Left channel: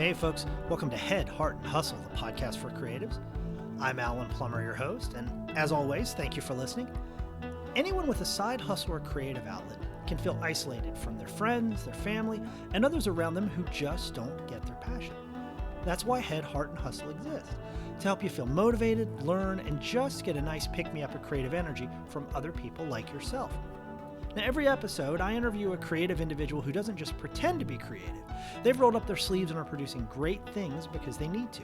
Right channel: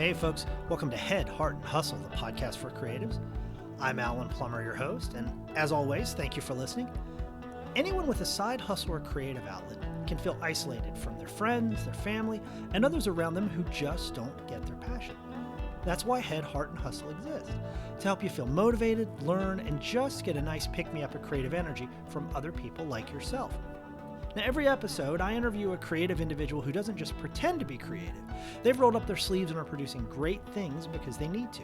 Hey folks, welcome to Head, Heart, and Hustle, the podcast for creatives. I'm Alan Plummer, your host, and as always, thank you for listening. Anyone with a side hustle or creative outlet can feel isolated from their friends, their family, and others around them who just don't get their passion. That's why Head, Heart, and Hustle exist, to help you feel motivated, learn, and just get a nice pick-me-up of creative energy from other people like yourself. Now, every episode, I interview a creative individual who doesn't just pretend to be creative. They've rolled up their sleeves and are producing great things because they need to.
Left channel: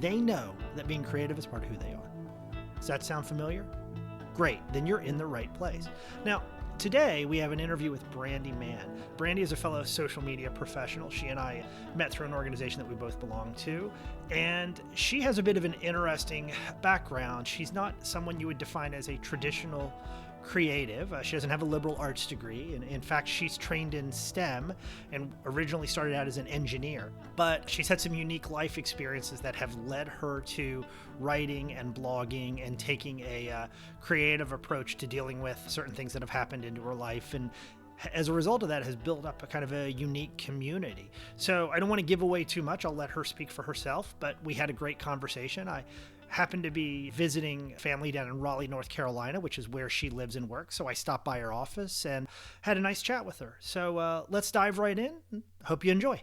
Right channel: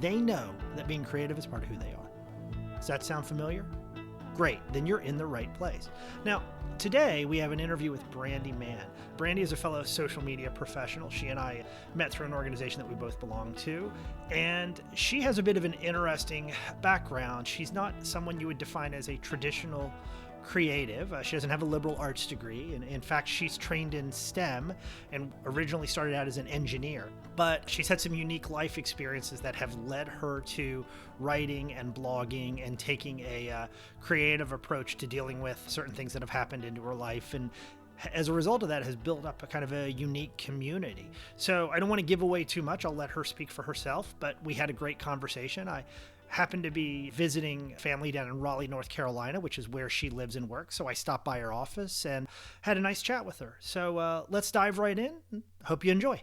They know that being creative is part of who they are. Does that sound familiar? Great, then you're in the right place. Now, today we have an interview with Brandy Mann. Brandy is a fellow social media professional. She and I met through an organization that we both belong to, and she has a bit of an interesting background. She's not someone you would define as a traditional creative. She doesn't have a liberal arts degree, and in fact she's trained in STEM and originally started out as an engineer, but she's had some unique life experiences that have led her to writing and blogging and taking a creative approach to dealing with certain things that have happened into her life, and as a result of that has built up a kind of a unique community. So I don't want to give away too much. I'll let her speak for herself, but we had a great conversation. I happened to be visiting family down in Raleigh, North Carolina, which is where she lives and works. So I stopped by her office and had a nice chat with her. So let's dive right in. Hope you enjoy.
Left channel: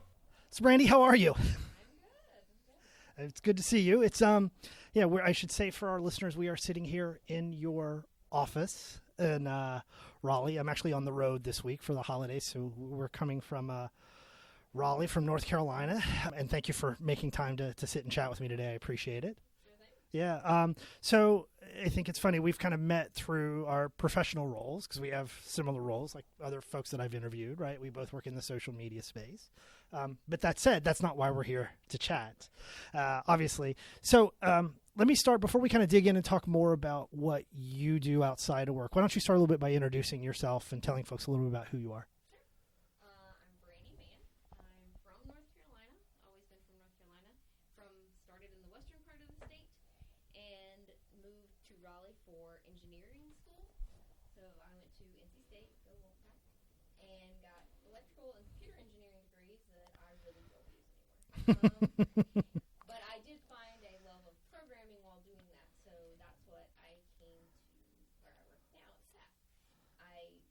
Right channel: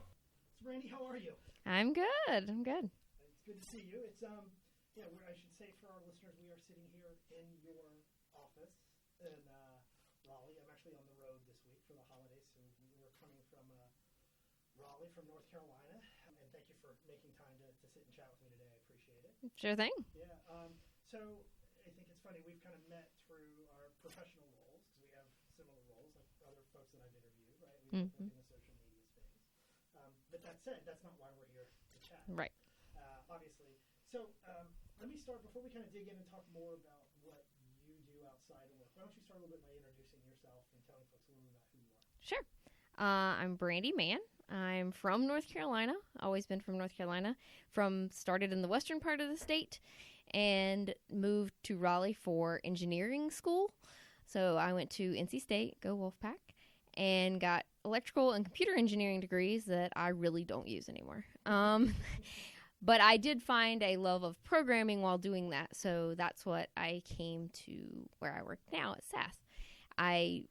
So Brandy, how are you? I'm good. It's good to see you. It's I should say for our listeners, we are sitting here in your office in Raleigh. I'm actually on the road this week for the holidays, so we're coming from Raleigh from North Carolina, and thank you for making time to sit and chat with me today. I appreciate it. Sure thing. Yeah. So I think it's funny. We've kind of met through our professional roles because we have similar roles like other folks that I've interviewed, right? We both work in the social media space. But that said, that's not why we're here to chat. Right. Obviously. So let me start before we kind of dig in and talk more about what you do outside of work. Why don't you start a little bit by introducing yourself and telling folks a little bit about who you are? Sure. I'm Brandy Mann. I'm from North Carolina. Always been from North Carolina. Started in the western part of the state and moved to Raleigh for engineering school. So I went to NC State, go Wolfpack, and got electrical and computer engineering degrees that I really don't use anymore. But I did find a love of programming while doing that. So that's what I came to where I work now at SAS. I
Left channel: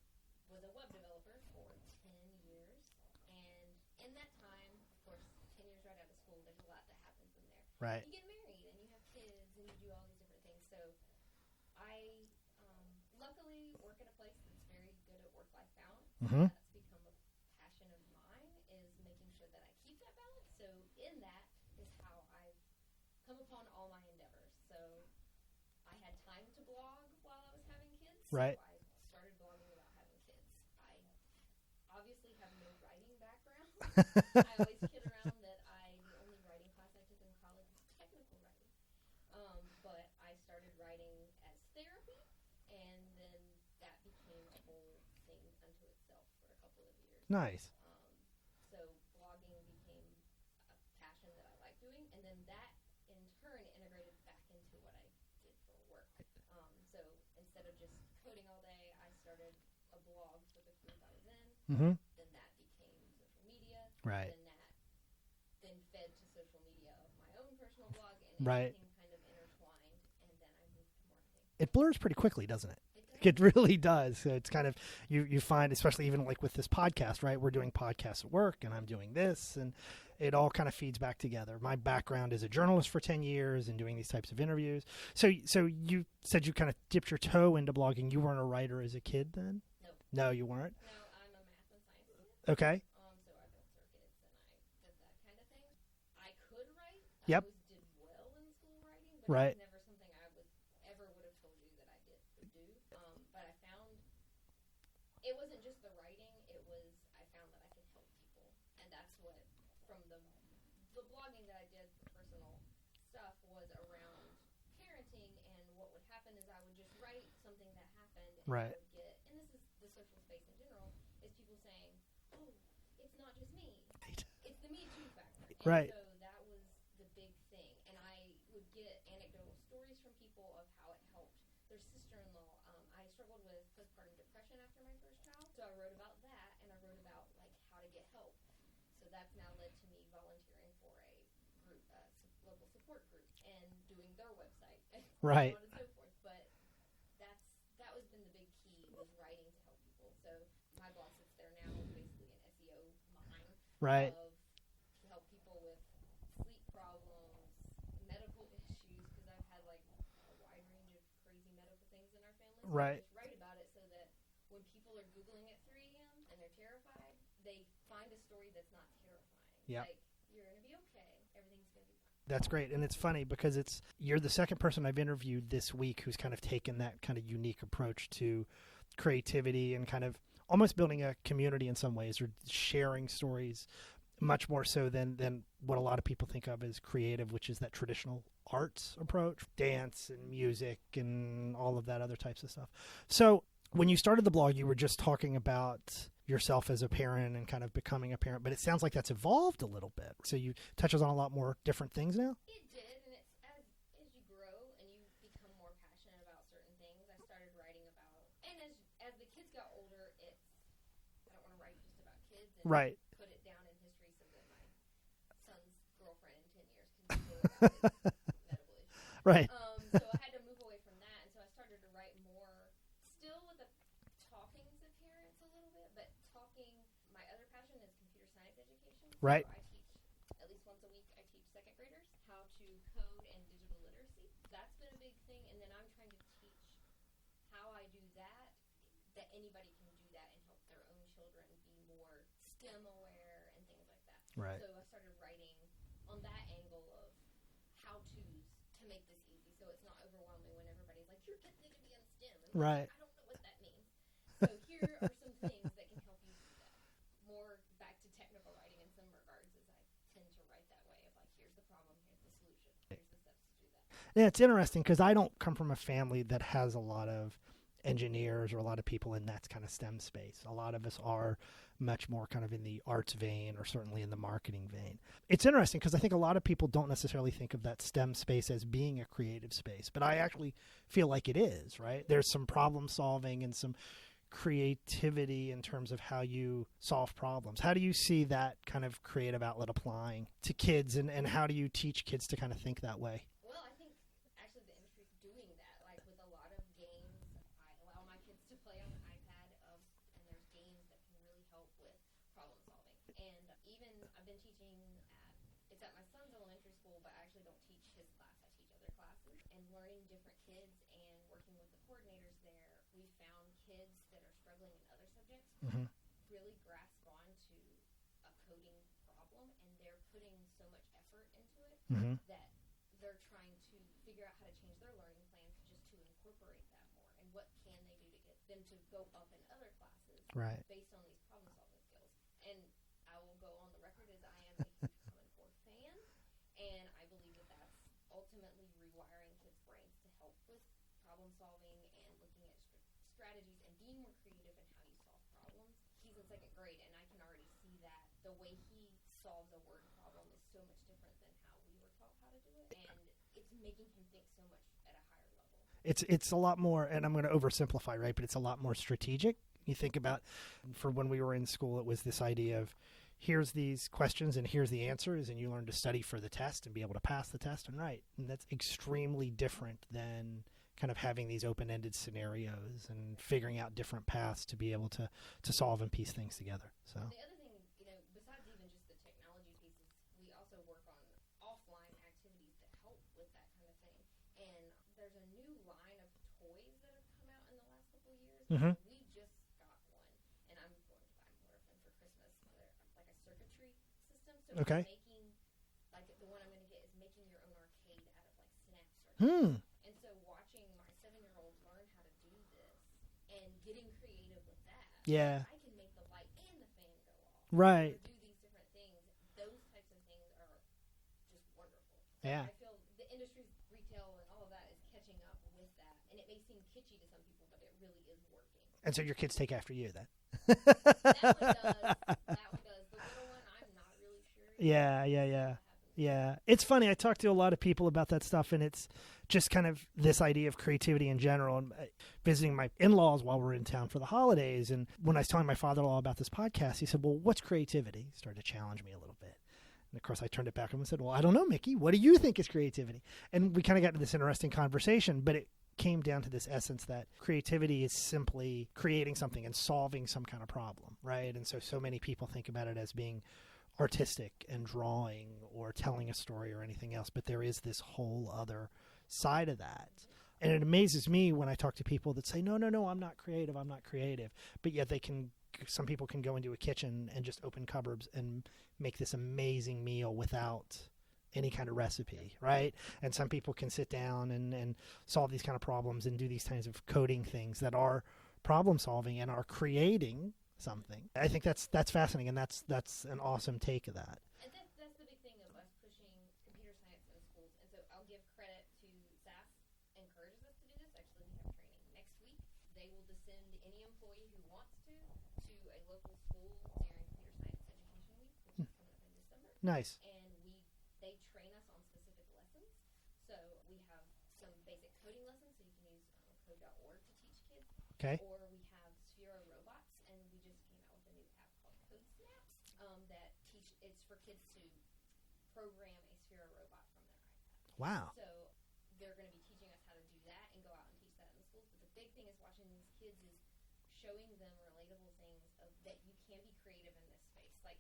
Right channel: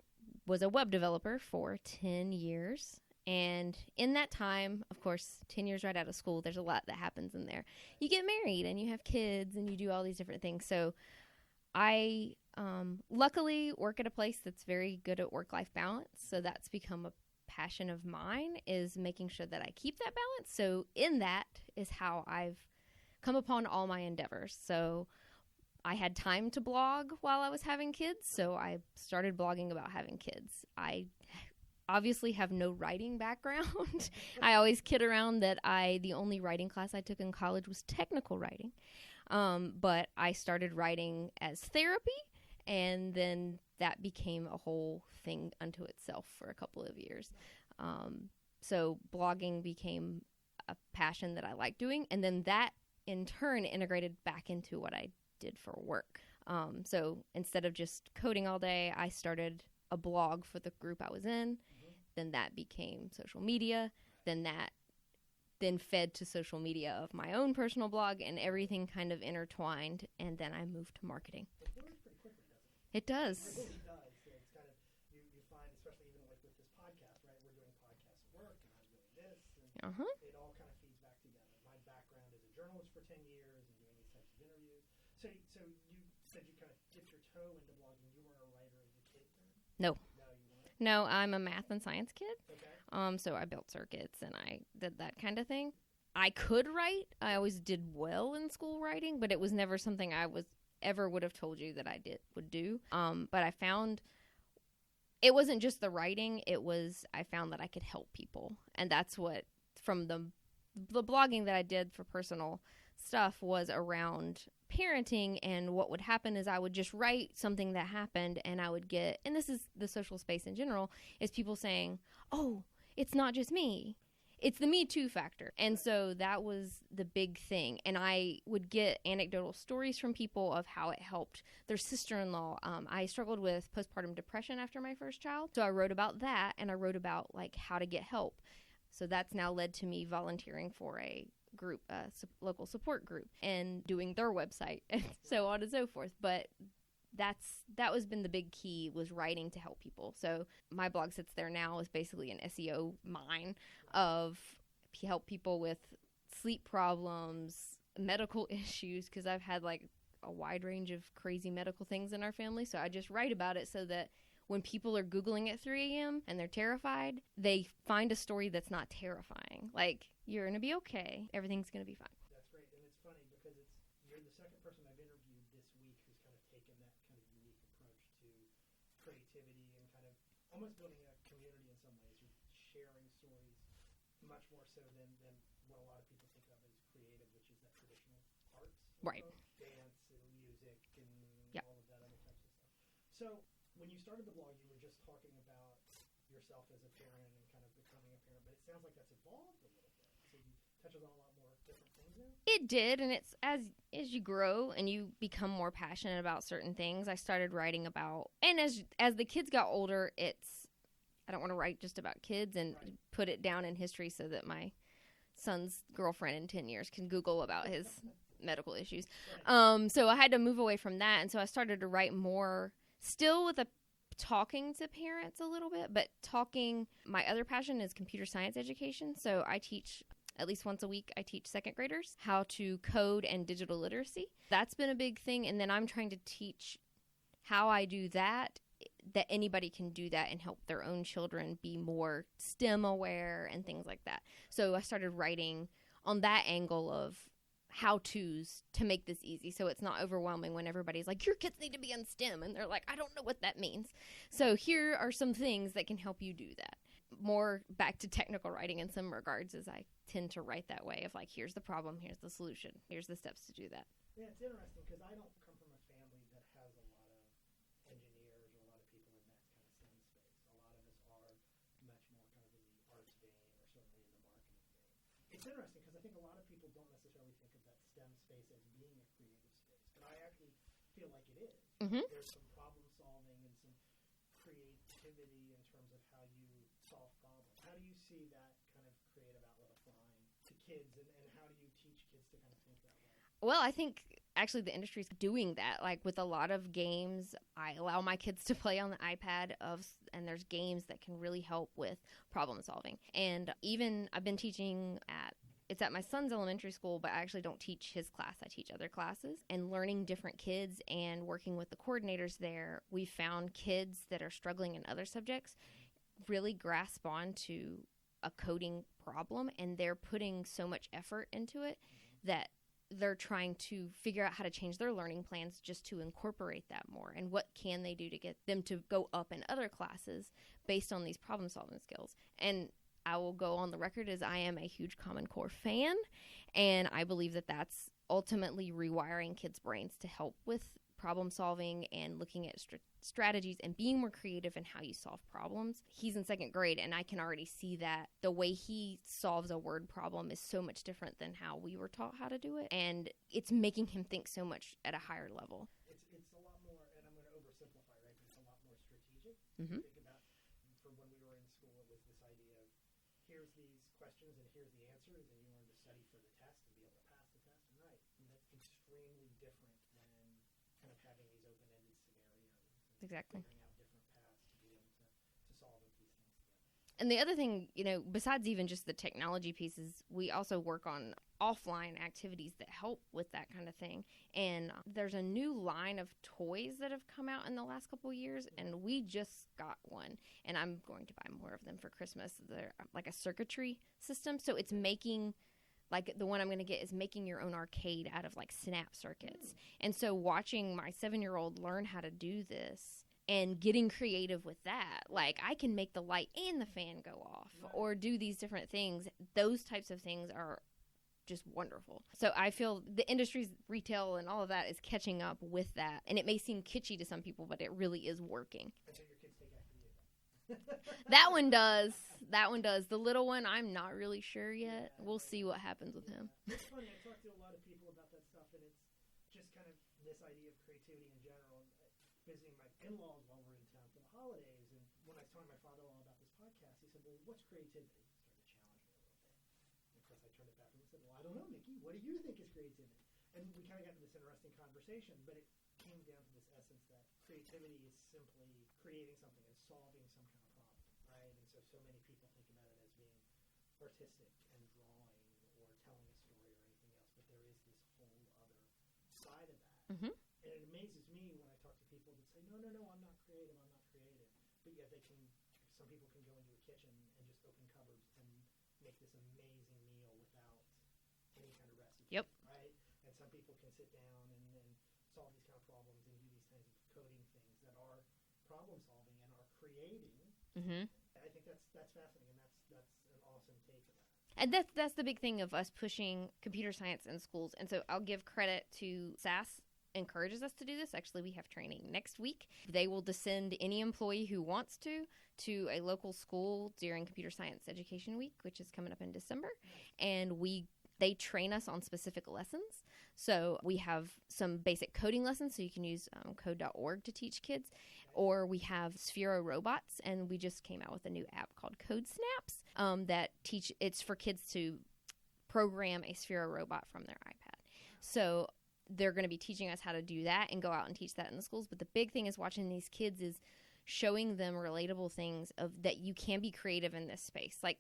was a web developer for 10 years. And in that time, of course, 10 years right out of school, there's a lot that happens in there. Right. You get married and you have kids and you do all these different things. So I luckily work at a place that's very good at work-life balance. Mm-hmm. So that's become a passion of mine, is making sure that I keep that balance. So in that is how I've come upon all my endeavors. So I had time to blog while I was having kids. So Right. I started blogging about having kids. I obviously have no writing background. I always kid around that the only writing class I took in college was technical writing. But I started writing as therapy, and then that became a whole thing unto itself for a couple of years. Nice. So blogging became a passion that I like doing, and then that in turn integrated back into what I did for work. So instead of just coding all day, I started a blog for the group I was in. Mm-hmm. Then that became social media. Right. Then fed to social media of my own personal blog, and everything kind of intertwined, and then I moved to marketing. It blurs pretty quickly, doesn't it? It does. It really does. So it's kind of, you find, especially even like with this podcast, right? We're doing podcasts at work, and I'm doing this, and it all kind of feeds back together. My background is a journalist for 10 years and doing these types of interviews. So you said you kind of dipped your toe into blogging. You weren't a writer as a kid then? No. No, you weren't? No, I'm a math and science kid. Okay. So I built circuits and I did that kind of thing. I could write. I Yep. always did well in school writing, but it Right. was never something I would have told you that I would do. But I found it wasn't just the writing. I found that I could help people. And that's what, from the blogging that I did for personal stuff, was around parenting. And what would happen is I would just write something that happened, and Right. I would get, and this is the social space in general, is people saying, oh, it's not just me. Right. It's the Me Too factor. And Right. so that was the big thing. And I would get anecdotal stories from people of how it helped their sister-in-law. I struggled with postpartum depression after my first child. So I wrote about that, and I wrote about like how to get help. So that's now led to me volunteering for a group, local support group, and doing their website and so on and so forth. But that was been the big key, was writing to help people. So my blog sits there now is basically an SEO mine of help people with sleep problems, medical issues, because I've had like a wide range of crazy medical things in our family. So I just write about it so that when people are Googling at 3 a.m. and they're terrified, they find a story that's not terrifying. Yeah. Like, you're going to be okay. Everything's going to be fine. That's great. And it's funny because you're the second person I've interviewed this week who's kind of taken that kind of unique approach to creativity and kind of almost building a community in some ways, or sharing stories much more so than what a lot of people think of as creative, which is that traditional arts approach, dance and music and all of that other types of stuff. So when you started the blog, you were just talking about yourself as a parent and kind of becoming a parent, but it sounds like that's evolved a little bit. So you touches on a lot more different things now? It did, and it's as you grow and you become more passionate about certain things, I started writing about, and as the kids got older, I don't want to write just about kids and put it down in history so that my son's girlfriend in 10 years can Google about his medical issues. Right. So I had to move away from that, and so I started to write more, still with talking to parents a little bit, but my other passion is computer science education. So I teach at least once a week. I teach second graders how to code and digital literacy. That's been a big thing. And then I'm trying to teach how I do that anybody can do that and help their own children be more STEM aware and things like that. Right. So I started writing on that angle of how-tos to make this easy, so it's not overwhelming when everybody's like, your kids need to be on STEM, and they're like, I don't know what that means. So here are some things that can help you do that. More back to technical writing in some regards, as I tend to write that way of like, here's the problem, here's the solution, here's the steps to do that. Yeah, it's interesting because I don't come from a family that has a lot of engineers or a lot of people in that kind of STEM space. A lot of us are much more kind of in the arts vein, or certainly in the marketing vein. It's interesting because I think a lot of people don't necessarily think of that STEM space as being a creative space, but I actually feel like it is, right? Mm-hmm. There's some problem solving and some creativity in terms of how you solve problems. How do you see that kind of creative outlet applying to kids, and how do you teach kids to kind of think that way? Well, I think actually the industry's doing that. Like with a lot of games, I allow my kids to play on the iPad and there's games that can really help with problem solving. And even I've been teaching it's at my son's elementary school, but I actually don't teach his class. I teach other classes, and learning different kids and working with the coordinators there, we found kids that are struggling in other subjects really grasp on to a coding problem, and they're putting so much effort into it that they're trying to figure out how to change their learning plans just to incorporate that more, and what can they do to get them to go up in other classes based on these problem solving skills. And I will go on the record as I am a huge Common Core fan, and I believe that that's ultimately rewiring kids' brains to help with problem solving and looking at strategies and being more creative in how you solve problems. He's in second grade, and I can already see that the way he solves a word problem is so much different than how we were taught how to do it, and it's making him think so much at a higher level. It's a lot more, and I'm going to oversimplify, right, but it's a lot more strategic. You think about, for when we were in school, it was this idea of, here's these questions and here's the answers, and you learn to study for the test and be able to pass the test and write. And that's extremely different than kind of having these open-ended scenarios and figuring out different paths to be able to solve and piece things together. So. And the other thing, besides even just the technology pieces, we also work on offline activities that help with that kind of thing. And there's a new line of toys that have come out in the last couple of years, and we just got one, and I'm going to buy more of them for Christmas. They're like a circuitry system, so it's making... Like the one I'm going to get is making your own arcade out of like snap circuits. And so watching my 7-year-old learn how to do this and getting creative with that, like I can make the light and the fan go off, or do these different things. Those types of things are just wonderful. So Yeah. I feel the industry's retail and all of that is catching up with that. And it may seem kitschy to some people, but it really is working. And so your kids take after you then? That one does. That one does. The little one, I'm not really sure yet. Yeah, we'll yeah, see yeah. what happens with Yeah. her. It's funny. I talk to a lot of people about that stuff, and it's just kind of this idea of creativity in general. And visiting my in-laws while we're in town for the holidays, and when I was telling my father-in-law about this podcast, he said, well, what's creativity? He started to challenge me a little bit. And of course, I turned it back and said, well, I don't know, Mickey. What do you think is creativity? And we kind of got into this interesting conversation, but it came down to this essence that creativity is simply creating something and solving some kind of problem, right? And so many people think about it as being artistic and drawing or telling a story or anything else, but there is this whole other side of that. Mm-hmm. And it amazes me when I talk to people that say, no, I'm not creative. But yet some people can go into a kitchen and just open cupboards and make this amazing meal without any kind of recipe, Yep. right? And some people can sit down and solve these kind of problems and do these kinds of coding things that are problem solving and are creating something. I think that's fascinating, and that's an awesome take of that. And that's the big thing of us pushing computer science in schools. And so I'll give credit to SAS encourages us to do this. Actually, we have training next week. They will descend any employee who wants to a local school during Computer Science Education Week, which is coming up in December. Nice. And they train us on specific lessons. So we have some basic coding lessons, so you can use code.org to teach kids. Okay. Or we have Sphero robots, and we just came out with a new app called Code Snaps that it's for kids to program a Sphero robot from their iPad. Wow. So they're going to be teaching us how to do that and go out and teach that in the schools. But the big thing is watching these kids is showing them relatable things of that you can be creative in this space. Like,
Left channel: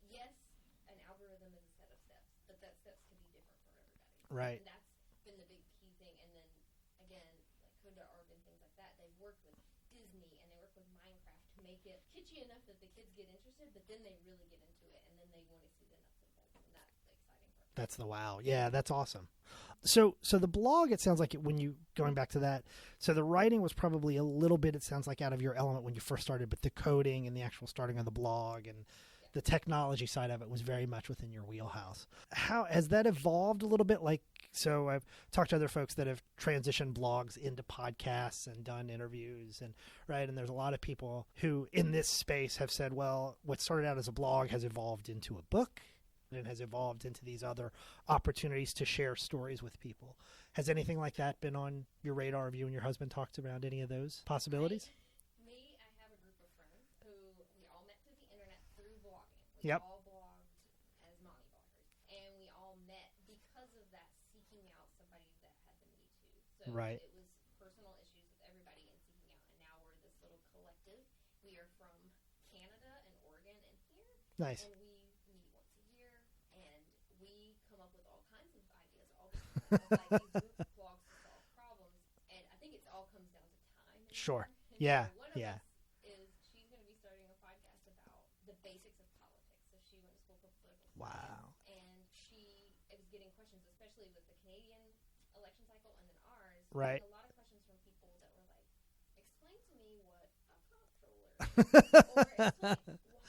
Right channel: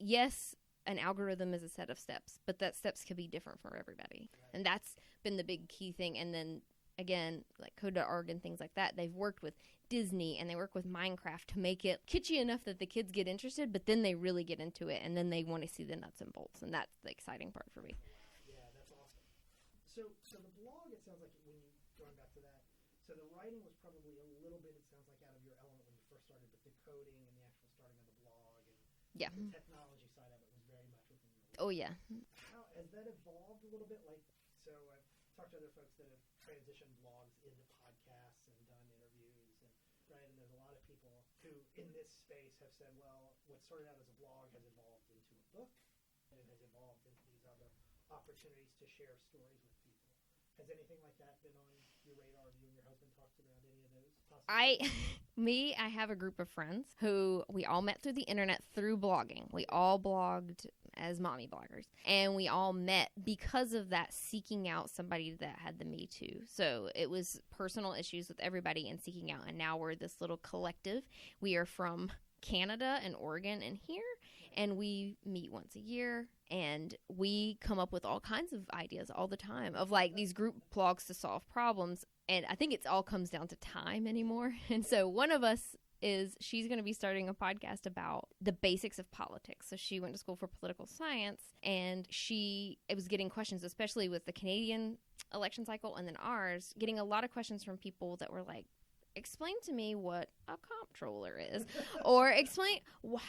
yes, an algorithm is a set of steps, but that steps could be different for everybody. Right. And that's been the big key thing. And then, again, like Code.org and things like that, they've worked with Disney and they work with Minecraft to make it kitschy enough that the kids get interested, but then they really get into it, and then they want to see the nuts and bolts. And that's the exciting part for That's me. the wow. Yeah, that's awesome. So the blog, it sounds like when you going back to that, so the writing was probably a little bit, it sounds like, out of your element when you first started, but the coding and the actual starting of the blog and the technology side of it was very much within your wheelhouse. Oh, yeah. How has that evolved a little bit? Like, so I've talked to other folks that have transitioned blogs into podcasts and done interviews, and and there's a lot of people who in this space have said, well, what started out as a blog has evolved into a book. And has evolved into these other opportunities to share stories with people. Has anything like that been on your radar? Have you and your husband talked about any of those possibilities? I have a group of friends who we all met through the internet through blogging. We Yep. all blogged as mommy bloggers. And we all met because of that, seeking out somebody that had the Me Too. So Right. it was personal issues with everybody and seeking out. And now we're this little collective. We are from Canada and Oregon and here. Nice. And we meet once a year, and we come up with all kinds of ideas all the time of like these group blogs to solve problems. And I think it all comes down to time anymore. Sure. And Yeah. so one of us she's going to be starting a podcast about the basics of politics. So she went to school for political science, and it was getting questions, especially with the Canadian election cycle and then ours, getting a lot of questions from people that were like, explain to me what a comptroller is, or explain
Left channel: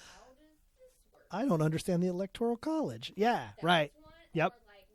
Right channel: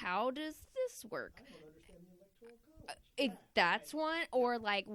how does this work? I don't understand the Electoral College. That's one. Yep. Or like,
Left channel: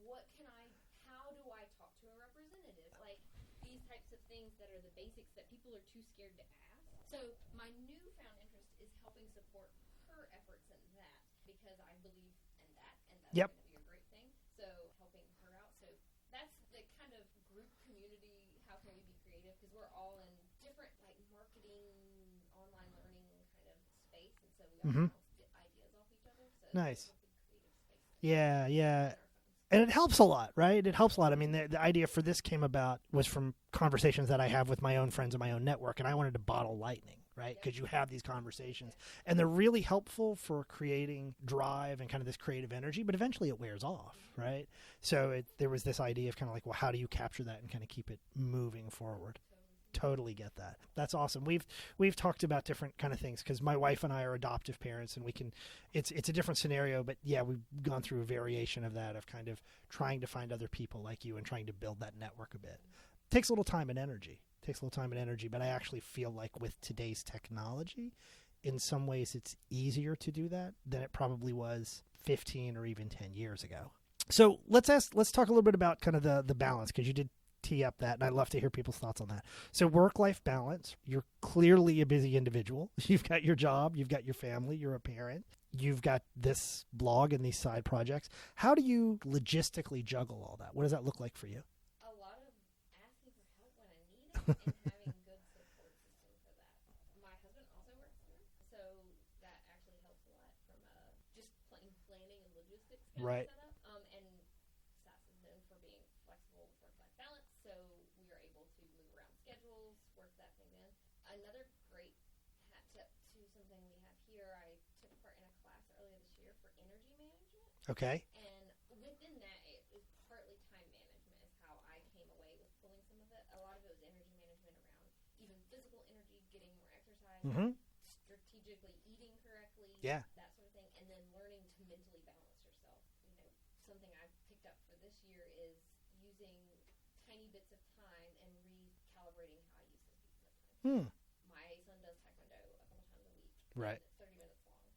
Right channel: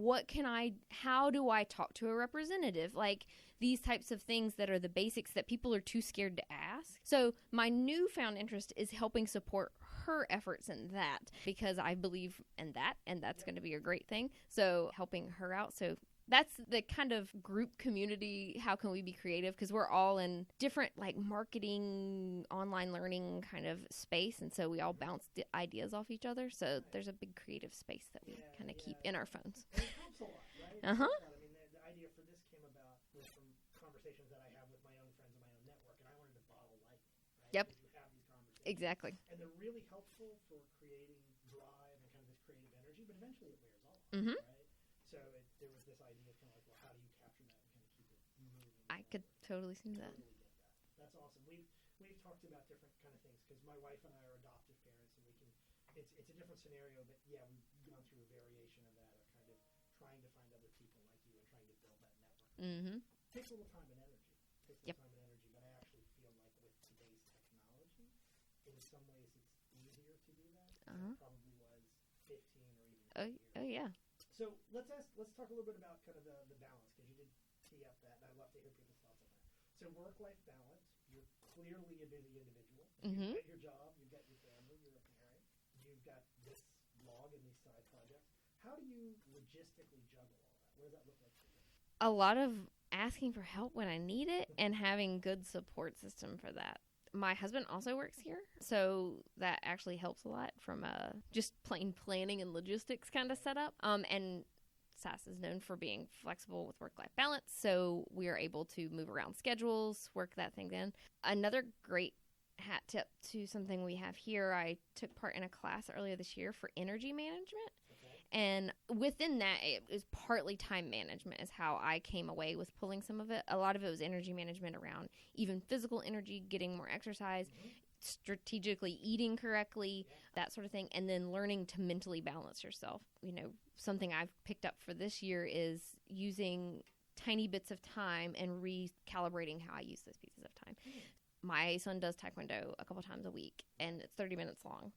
how do I talk to a representative? Like these types of things that are the basics that people are too scared to ask. So my newfound interest is helping support her efforts in that, because I believe in that, and that's going to be a great thing. So helping her out. So that's the kind of group community. How can we be creative? Because we're all in different like marketing, online learning kind of space. And so we all bounce the ideas off each other. So there's a big creative space that we in our phones. And it helps a lot, right? It helps a lot. I mean, the idea for this came about was from conversations that I have with my own friends in my own network. And I wanted to bottle lightning. Right? Because you have these conversations. Exactly. And they're really helpful for creating drive and kind of this creative energy, but eventually it wears off, right? So there was this idea of kind of like, well, how do you capture that and kind of keep it moving forward? Totally get that. That's awesome. We've talked about different kind of things because my wife and I are adoptive parents, and it's a different scenario, but yeah, we've gone through a variation of that, of kind of trying to find other people like you and trying to build that network a bit. Takes a little time and energy. But I actually feel like with today's technology, in some ways it's easier to do that than it probably was 15 or even 10 years ago. Yeah. So let's talk a little bit about kind of the balance, because you did tee up that, and I'd love to hear people's thoughts on that. So work-life balance, you're clearly a busy individual. You've got your job, you've got your family, you're a parent, you've got this blog and these side projects. How do you logistically juggle all that? What does that look like for you? A lot of asking for help when I need it and having good support system for that. My husband also works here, so that actually helps a lot from just plain planning and logistics kind of setup. And SAS is known for being flexible with work-life balance, so we are able to move around schedules, work that thing in. Another great hat tip to something we have here, I took part in a class earlier this year for energy management. Okay. And within that, it was partly time management is how I came away with pulling some of it. A lot of it was energy management around even physical energy, getting more exercise, strategically eating correctly, that sort of thing, and then learning to mentally balance yourself. You know, something I've picked up for this year is using tiny bits of time and recalibrating how I use those pieces of time. My son does taekwondo a couple times a week, and it's 30 minutes long.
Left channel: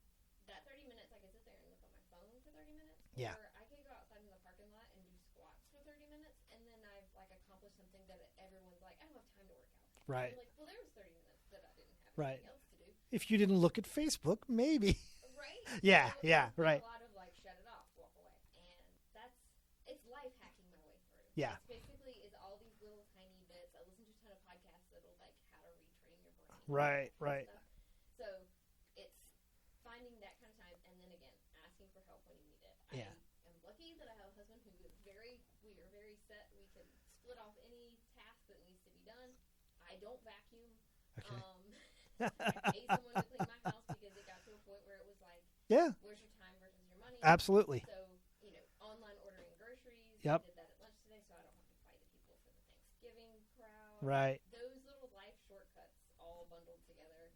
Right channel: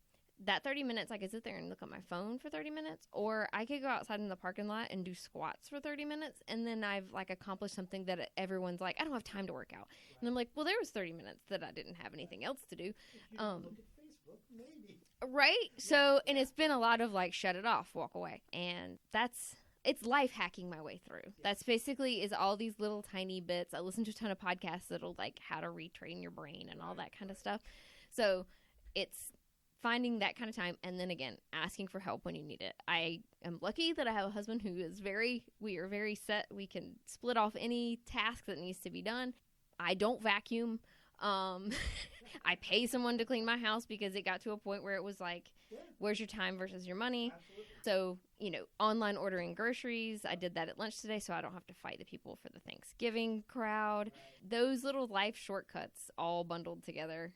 That 30 minutes, I could sit there and look at my phone for 30 minutes, or I could go outside in the parking lot and do squats for 30 minutes, and then I've like accomplished something that everyone's like, I don't have time to work out. And I'm like, well, there was 30 minutes that I didn't have anything else to do. If you didn't look at Facebook, maybe. Right? So it's been a lot of like, shut it off, walk away. And it's life hacking my way through. That's basically is all these little tiny bits. I listen to a ton of podcasts that'll like how to retrain your brain and all that kind of stuff. So it's finding that kind of time, and then again, asking for help when you need it. I am lucky that I have a husband who is we are very set. We can split off any task that needs to be done. I don't vacuum. I pay someone to clean my house because it got to a point where it was like, where's your time versus your money? Absolutely. So, you know, online ordering groceries. I did that at lunch today, so I don't have to fight the people for the Thanksgiving crowd. Right. Those little life shortcuts all bundled together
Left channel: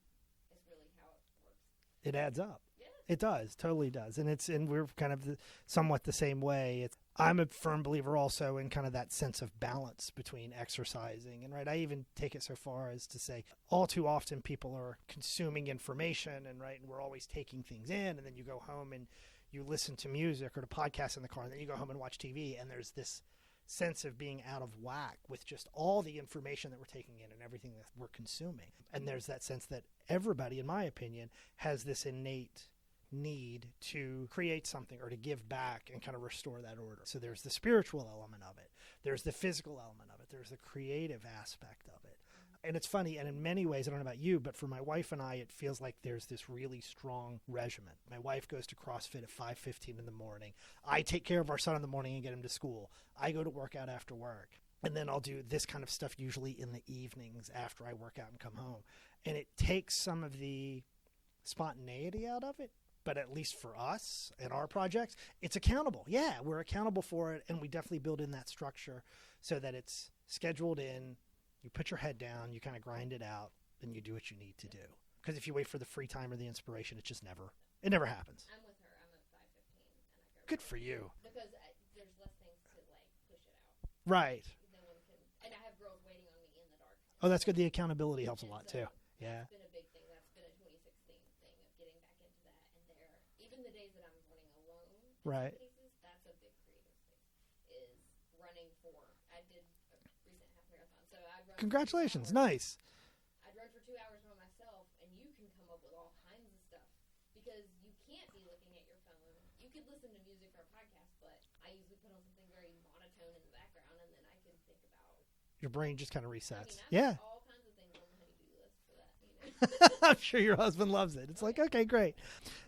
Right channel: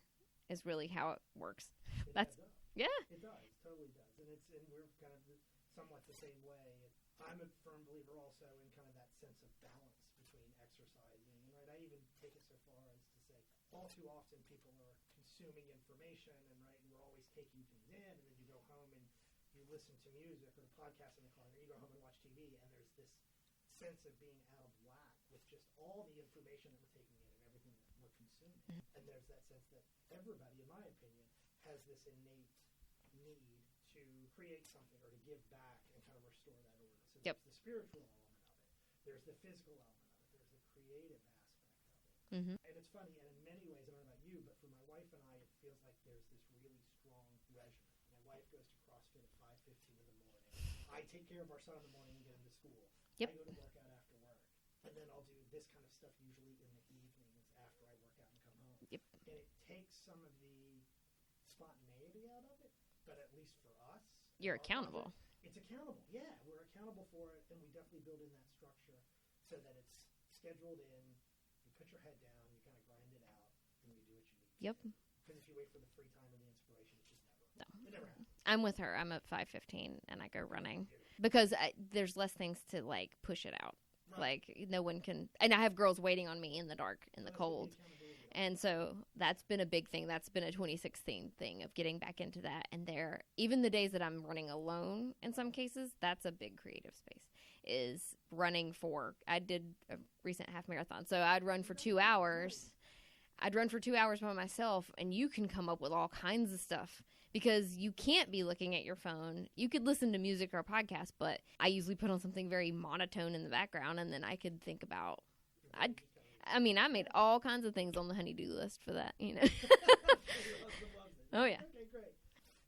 is really how it works. It adds up. Yeah. It does. Totally does. And we're kind of somewhat the same way. I'm a firm believer also in kind of that sense of balance between exercising and I even take it so far as to say all too often people are consuming information and we're always taking things in, and then you go home and you listen to music or to podcasts in the car, and then you go home and watch TV, and there's this sense of being out of whack with just all the information that we're taking in and everything that we're consuming. And there's that sense that everybody, in my opinion, has this innate need to create something or to give back and kind of restore that order. So there's the spiritual element of it. There's the physical element of it. There's the creative aspect of it. And it's funny, and in many ways, I don't know about you, but for my wife and I, it feels like there's this really strong regimen. My wife goes to CrossFit at 5:15 in the morning. I take care of our son in the morning and get him to school. I go to work out after work. And then I'll do this kind of stuff usually in the evenings after I work out and come home. And it takes some of the spontaneity out of it. But at least for us and our projects, it's accountable. Yeah, we're accountable for it, and we definitely build in that structure so that it's scheduled in. You put your head down, you kind of grind it out, and you do what you need to do. Because if you wait for the free time or the inspiration, it just it never happens. I'm with her. I'm at 5:15, and I go Good running. For you. Because there's less things to, like, push it out. Right. Like, no one can. And I have girls waiting on me in the dark. That's good. The accountability helps a lot, too. And so that's been a big thing. That's been a 2016 thing of getting back into that. And even the days that I'm running alone, in some cases, that's a big creative space, is running I did a recent half marathon. So I'd run for 2 hours. Nice. I'd run for 2 hours by myself, and you can come up with all kinds of stuff. Because you can't be looking at your phone. You could listen to music or a podcast, but I usually put on something very monotone in the background, and then I could think about... Your brain just kind of resets. I mean, I make all kinds of things on the honey-do list for that, you know. I'm sure your husband loves it. It's okay, great.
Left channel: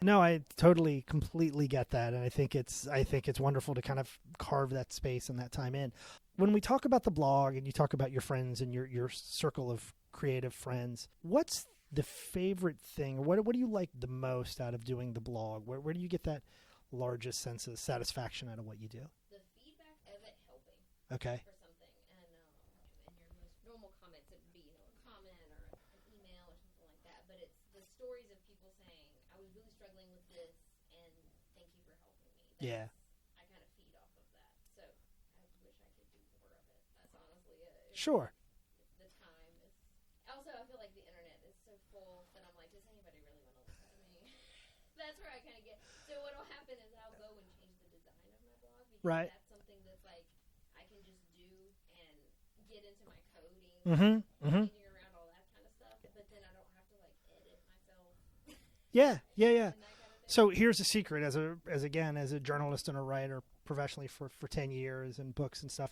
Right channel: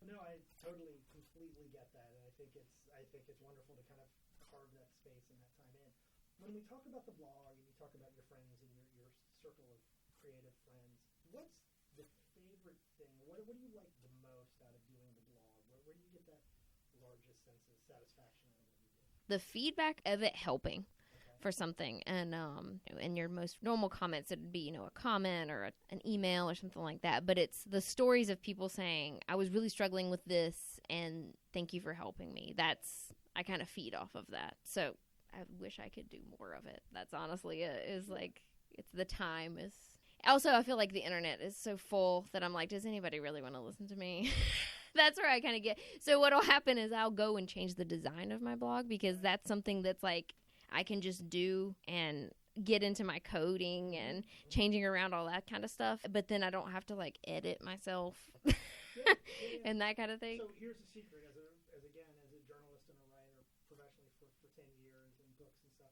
No, I totally, completely get that, and I think it's wonderful to kind of carve that space and that time in. When we talk about the blog, and you talk about your friends and your circle of creative friends, what's the favorite thing, or what do you like the most out of doing the blog? Where do you get that largest sense of satisfaction out of what you do? The feedback of it helping for something. And in your most normal comments, it would be, you know, a comment or an email or something like that. But it's the stories of people saying, I was really struggling with this, and thank you for helping me. I kind of feed off of that. So I wish I could do more of it. That's honestly it. Like, it's the time is... Also, I feel like the internet is so full that I'm like, does anybody really want to listen to me? That's where I kind of get. So what'll happen is I'll go and change the design of my blog because that's something that's like I can just do and get into my coding and changing around all that kind of stuff. But then I don't have to like edit myself. Yeah. And that kind of thing. So here's a secret as a journalist and a writer professionally for 10 years and books and stuff.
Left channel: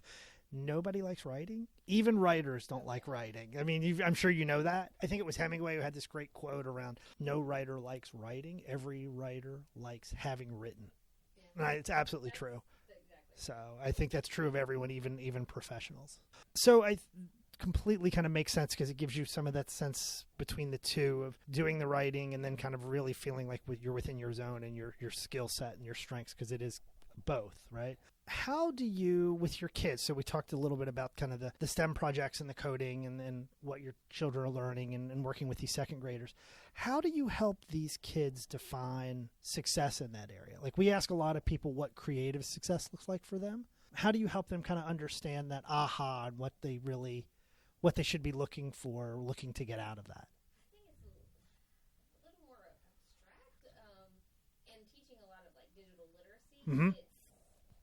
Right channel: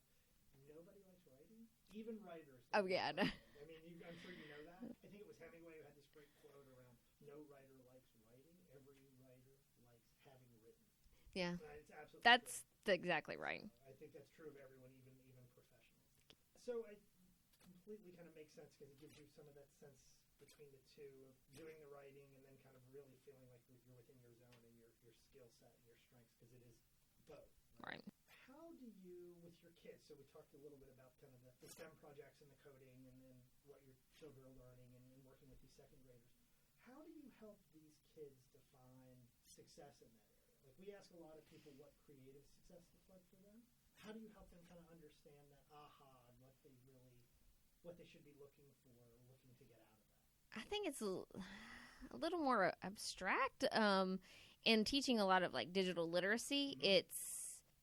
Nobody likes writing. Even writers don't like writing. I mean, I'm sure you know that. I think it was Hemingway who had this great quote around, no writer likes writing. Every writer likes having written. Yeah. It's absolutely true. That's exactly right. So I think that's true of everyone, even professionals. So I completely kind of makes sense because it gives you some of that sense between the two of doing the writing and then kind of really feeling like you're within your zone and your skill set and your strengths, because it is both, right? How do you, with your kids, so we talked a little bit about kind of the STEM projects and the coding and what your children are learning and working with these second graders. How do you help these kids define success in that area? Like, we ask a lot of people what creative success looks like for them. How do you help them kind of understand that aha and what they should be looking to get out of that? I think it's a little more abstract. In teaching a lot of like digital literacy,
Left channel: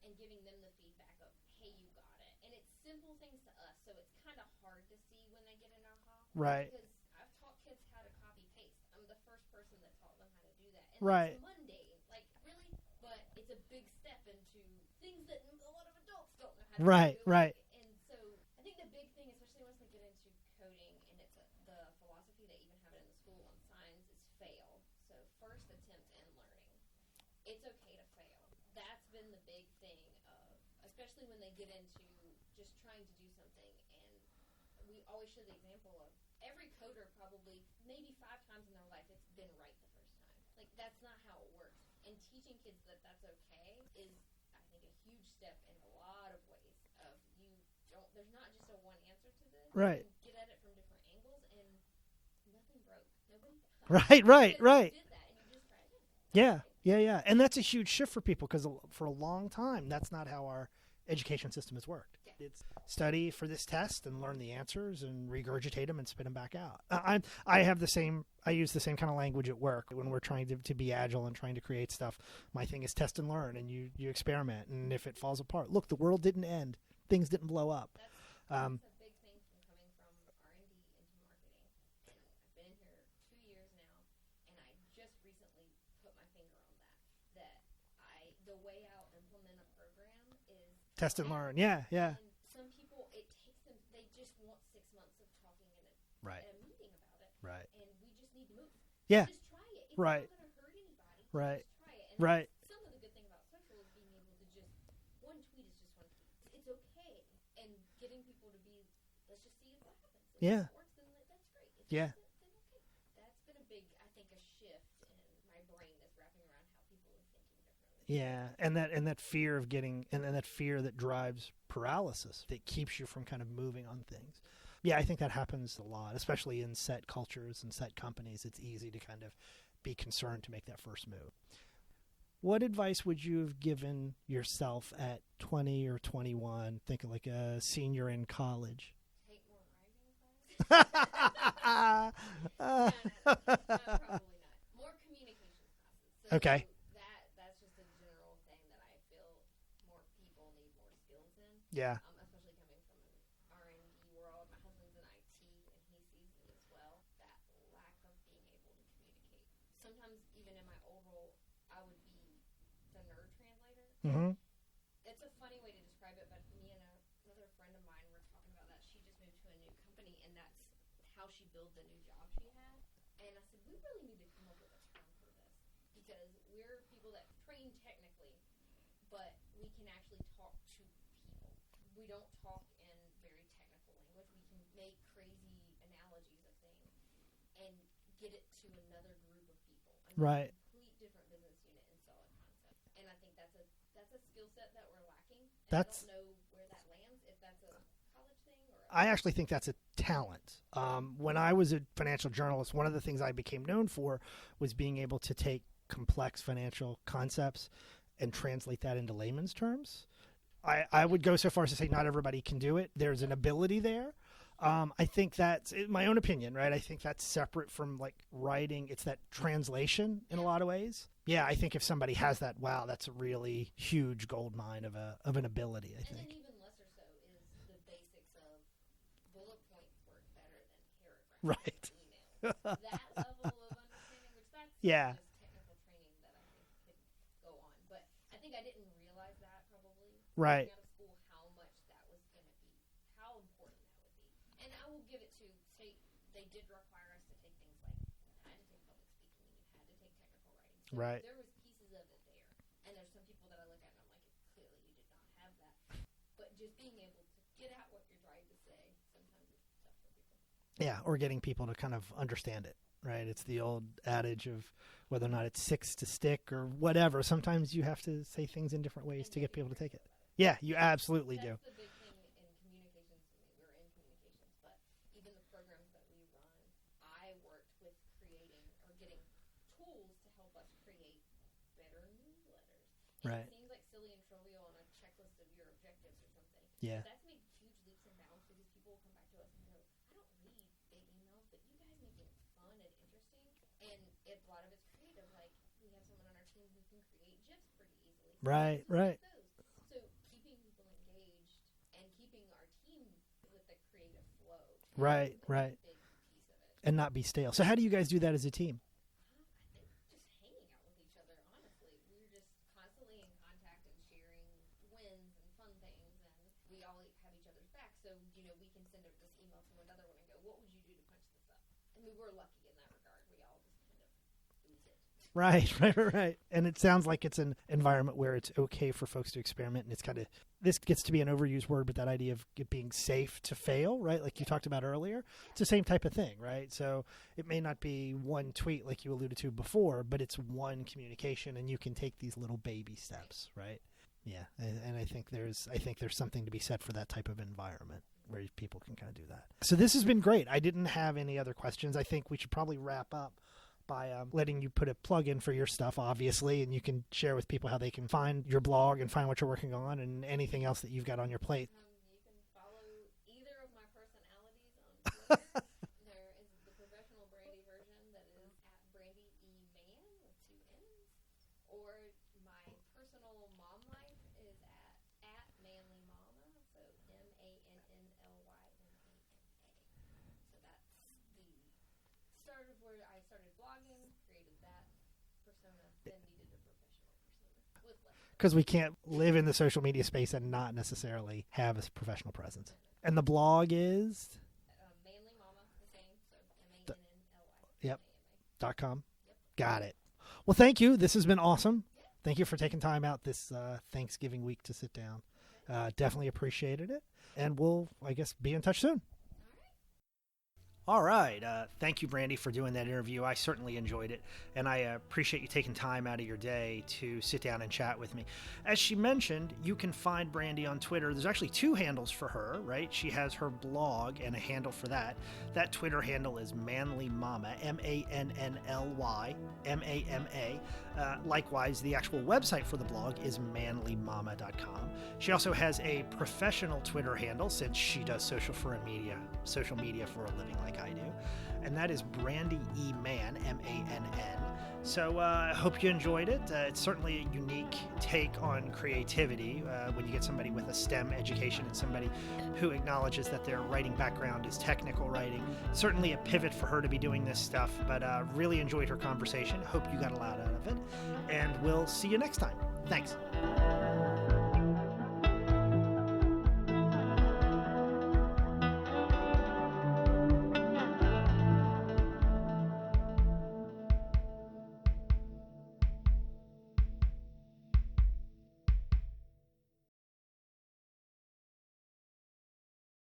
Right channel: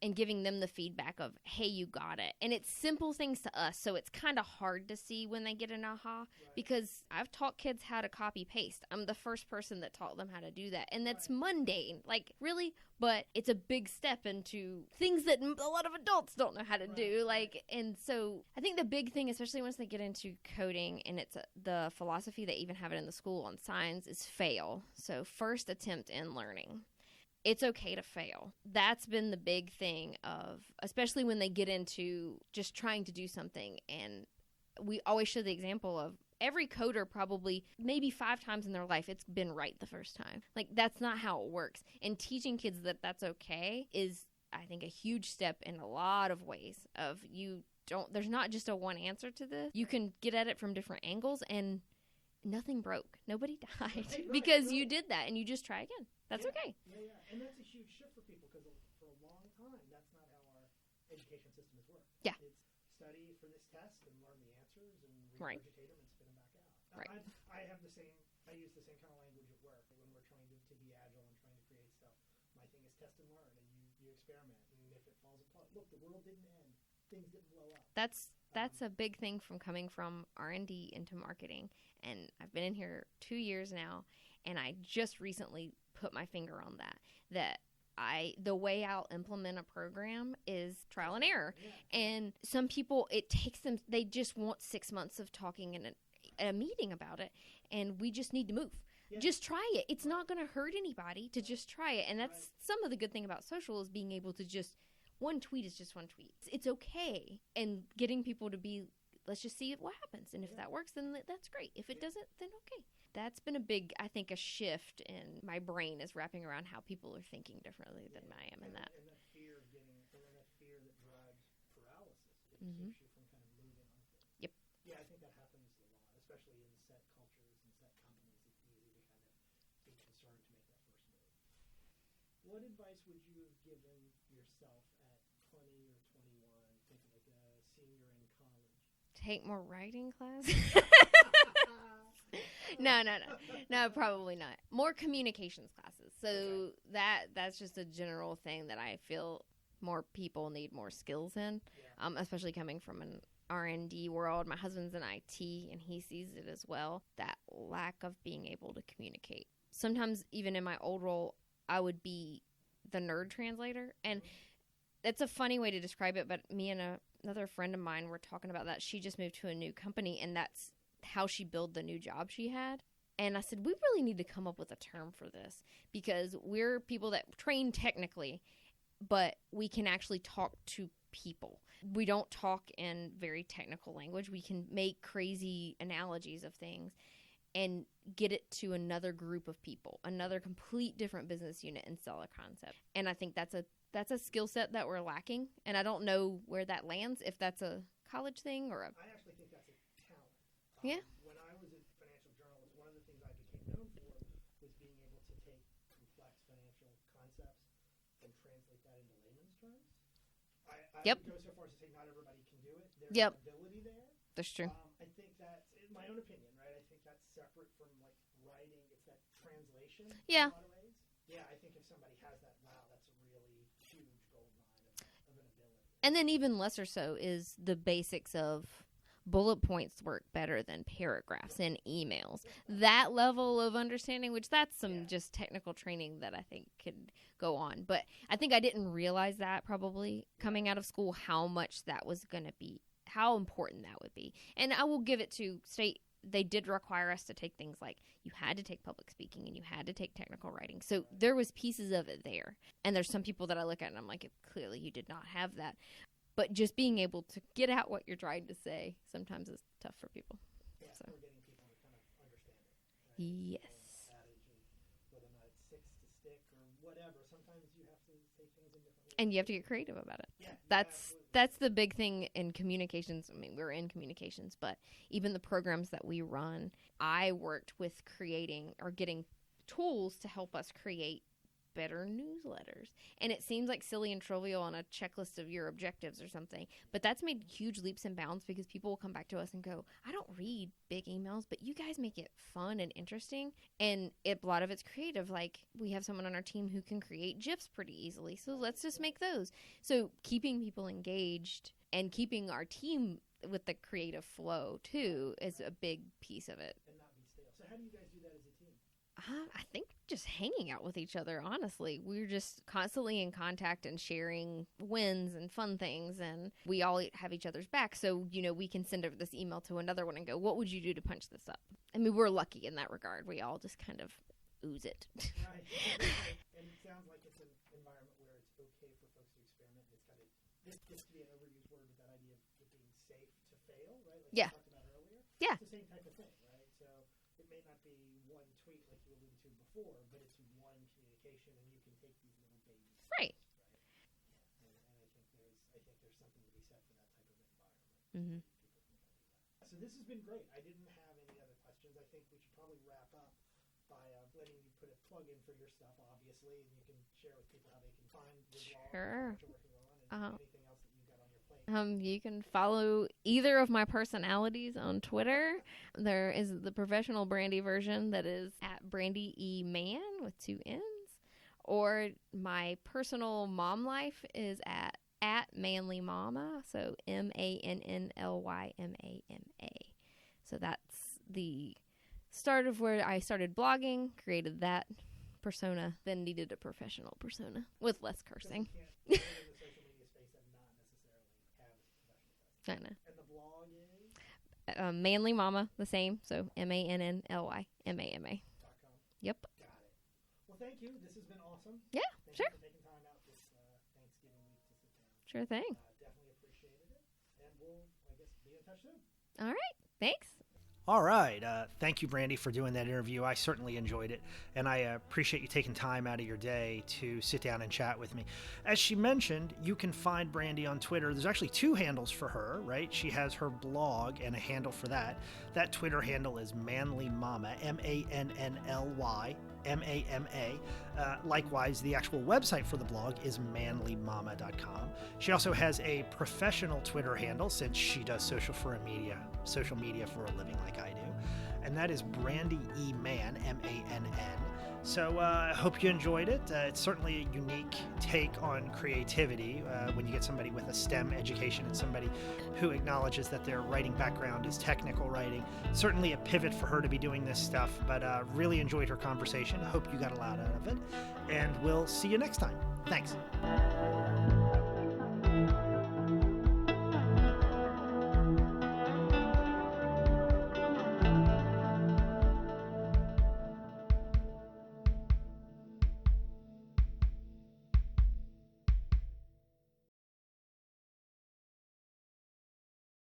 and giving them the feedback of, hey, you got it. And it's simple things to us, so it's kind of hard to see when they get an aha. Right. Because I've taught kids how to copy paste. I'm the first person that taught them how to do that. And that's mundane. Like, really? But it's a big step into things that a lot of adults don't know how to do. Like, and so I think the big thing, especially once they get into coding, and it's the philosophy they even have it in the school on signs, is fail. So first attempt in learning. It's okay to fail. That's been the big thing of, especially when they get into just trying to do something. And we always show the example of every coder probably maybe 5 times in their life it's been right the first time. Like, that's not how it works. And teaching kids that that's okay is, I think, a huge step in a lot of ways of there's not just a one answer to this. You can get at it from different angles, and nothing broke. Nobody died. Right. Because you did that and you just try again. That's okay. Yeah. And that's a huge shift for people because for a long time, that's not how our education system has worked. Yeah. It's study for this test and learn the answers and regurgitate them and spit them back out. Right. I use the same kind of language at work when we're trying to be agile and trying to create stuff. My thing is test and learn, and you experiment. And if it falls apart, look, the world didn't end. Things didn't blow up. That's a big thing from coming from R&D into marketing. And I've been in here 2 years now, and I just recently put my finger on that the way I'll implement a program is trial and error. Yeah. And some people, it takes them, they just want 6 months of talking in a meeting about it. Right. And we just need to move. Yeah. Just try it. It's not going to hurt anybody to just try it. And that's some of the good thing about social is being able to just, one tweet is just one tweet. It's okay. And getting people to be, let's just see what happens. And if that works, then that's great. If it doesn't, then okay. That's been a big, I think, a shift in my brain is wrapping around how people are thinking differently. Yeah, and that fear of getting, and that fear that drives paralysis that keeps you from kind of moving on things. Yep. Yeah, I think that happens a lot, especially in set cultures and set companies. It's easy to kind of be concerned to make that first move. What advice would you have given yourself at 20 or 21, thinking like a senior in college? Take more writing class? No, probably not. More communications classes. So that's just a general thing that I feel more people need more skills in. Yeah. Especially coming from an R&D world. My husband's in IT, and he sees it as well. That lack of being able to communicate. Sometimes even in my old role, I would be the nerd translator, and it's a funny way to describe it, but me and another friend of mine were talking about that. She just moved to a new company, and that's how she built the new job she had. And I said, we really need to come up with a term for this, because we're people that train technically, but we can actually talk to people. We don't talk in very technical language. We can make crazy analogies of things and get it to another group of people, another complete different business unit, and sell a concept. And I think that's a skill set that we're lacking. And I don't know where that lands, if that's a college thing or I actually think that's a talent. When I was a financial journalist, one of the things I became known for was being able to take complex financial concepts and translate that into layman's terms. I would go so far as to say not everybody can do it. There's an ability there. That's true. I think that's my own opinion, right? I think that's separate from like writing. It's that translation in a lot of ways. Yeah, I think if somebody has that, wow, that's a really huge gold mine of an ability. I think. Then even lesser so is the basics of bullet points work better than paragraphs in emails. That level of understanding, which that's some just technical training that I think could go on. But I think I didn't realize that probably coming out of school, how much that was going to be, how important that would be. And I will give it to state. They did require us to take things like you had to take public speaking and you had to take technical writing. So there was pieces of it there. And there's some people that I look at and I'm like, clearly you did not have that. But just being able to get out what you're trying to say sometimes is tough for people. Yeah, or getting people to kind of understand it, right? It's the old adage of whether or not it's six to stick or whatever. Sometimes you have to say things in different ways. And you have to get creative about it. Yeah, you absolutely do. That's the big thing in communications. I mean, we're in communications, but even the programs that we run, I worked with creating or getting tools to help us create better newsletters. And it seems like silly and trivial on a checklist of your objectives or something. Yeah. But that's made huge leaps and bounds because people will come back to us and go, I don't read big emails, but you guys make it fun and interesting. And a lot of it's creative. Like we have someone on our team who can create GIFs pretty easily. So let's just make those. So keeping people engaged and keeping our team with the creative flow too is a big piece of it. And not be stale. So how do you guys do that as a team? I think just hanging out with each other, honestly. We're just constantly in contact and sharing wins and fun things, and we all have each other's back. So, we can send over this email to another one and go, what would you do to punch this up? I mean, we're lucky in that regard. We all just kind of ooze it. Right. And it sounds like it's an environment where it's okay for folks to experiment, and it's kind of, this gets to be an overused word, but that idea of it being safe to fail, right? Like you talked about earlier. Yeah. It's the same type of thing, right? So it may not be one tweet like you alluded to before, but it's one communication, and you can take these little baby steps, right? Yeah, and I think there's something to be said for that type of environment where people can kind of do that. So this has been great. I didn't have any other questions. I think we should probably wrap up by letting you put a plug in for your stuff, obviously, and you can share with people how they can find your blog and find what you're working on and anything else that you've got on your plate. You can follow either of my personalities on Twitter. There is the professional Brandy version that is at Brandy E. Mann with 2 N's, or my personal mom life is at Manly Mama, so MANNLYMAMA. So that's the start of where I started blogging, created that persona, then needed a professional persona with less cursing. Because we can't live in the social media space and not necessarily have a professional presence. I know. And the blog is? Manly Mama, the same, so MANNLYMAMA. .com. Yep. Got it. Well, thank you. This has been awesome. Yeah. Thank you for taking time out this Thanksgiving week to sit down. Sure thing. Definitely appreciated it. And we'll, I guess, be in touch soon. All right. Thanks. All right. Thank you, Brandy, for doing that interview. I certainly enjoyed it, and I appreciate you taking time out of your day to sit down and chat with me. As she mentioned, you can find Brandy on Twitter. There's actually 2 handles for her, right? She has her blog and a handle for that. That Twitter handle is Manly Mama, MANNLYMAMA. Likewise, the actual website for the blog is manlymama.com. She also has a professional Twitter handle, since she does social media for a living like I do, and that is Brandy E. Mann, MANN. So I hope you enjoyed it. It's certainly a unique take on creativity when you get somebody with a STEM education and somebody who acknowledges that their writing background is technical writing. Certainly a pivot for her to be doing this stuff, but really enjoyed her conversation. Hope you got a lot out of it, and we'll see you next time. Thanks.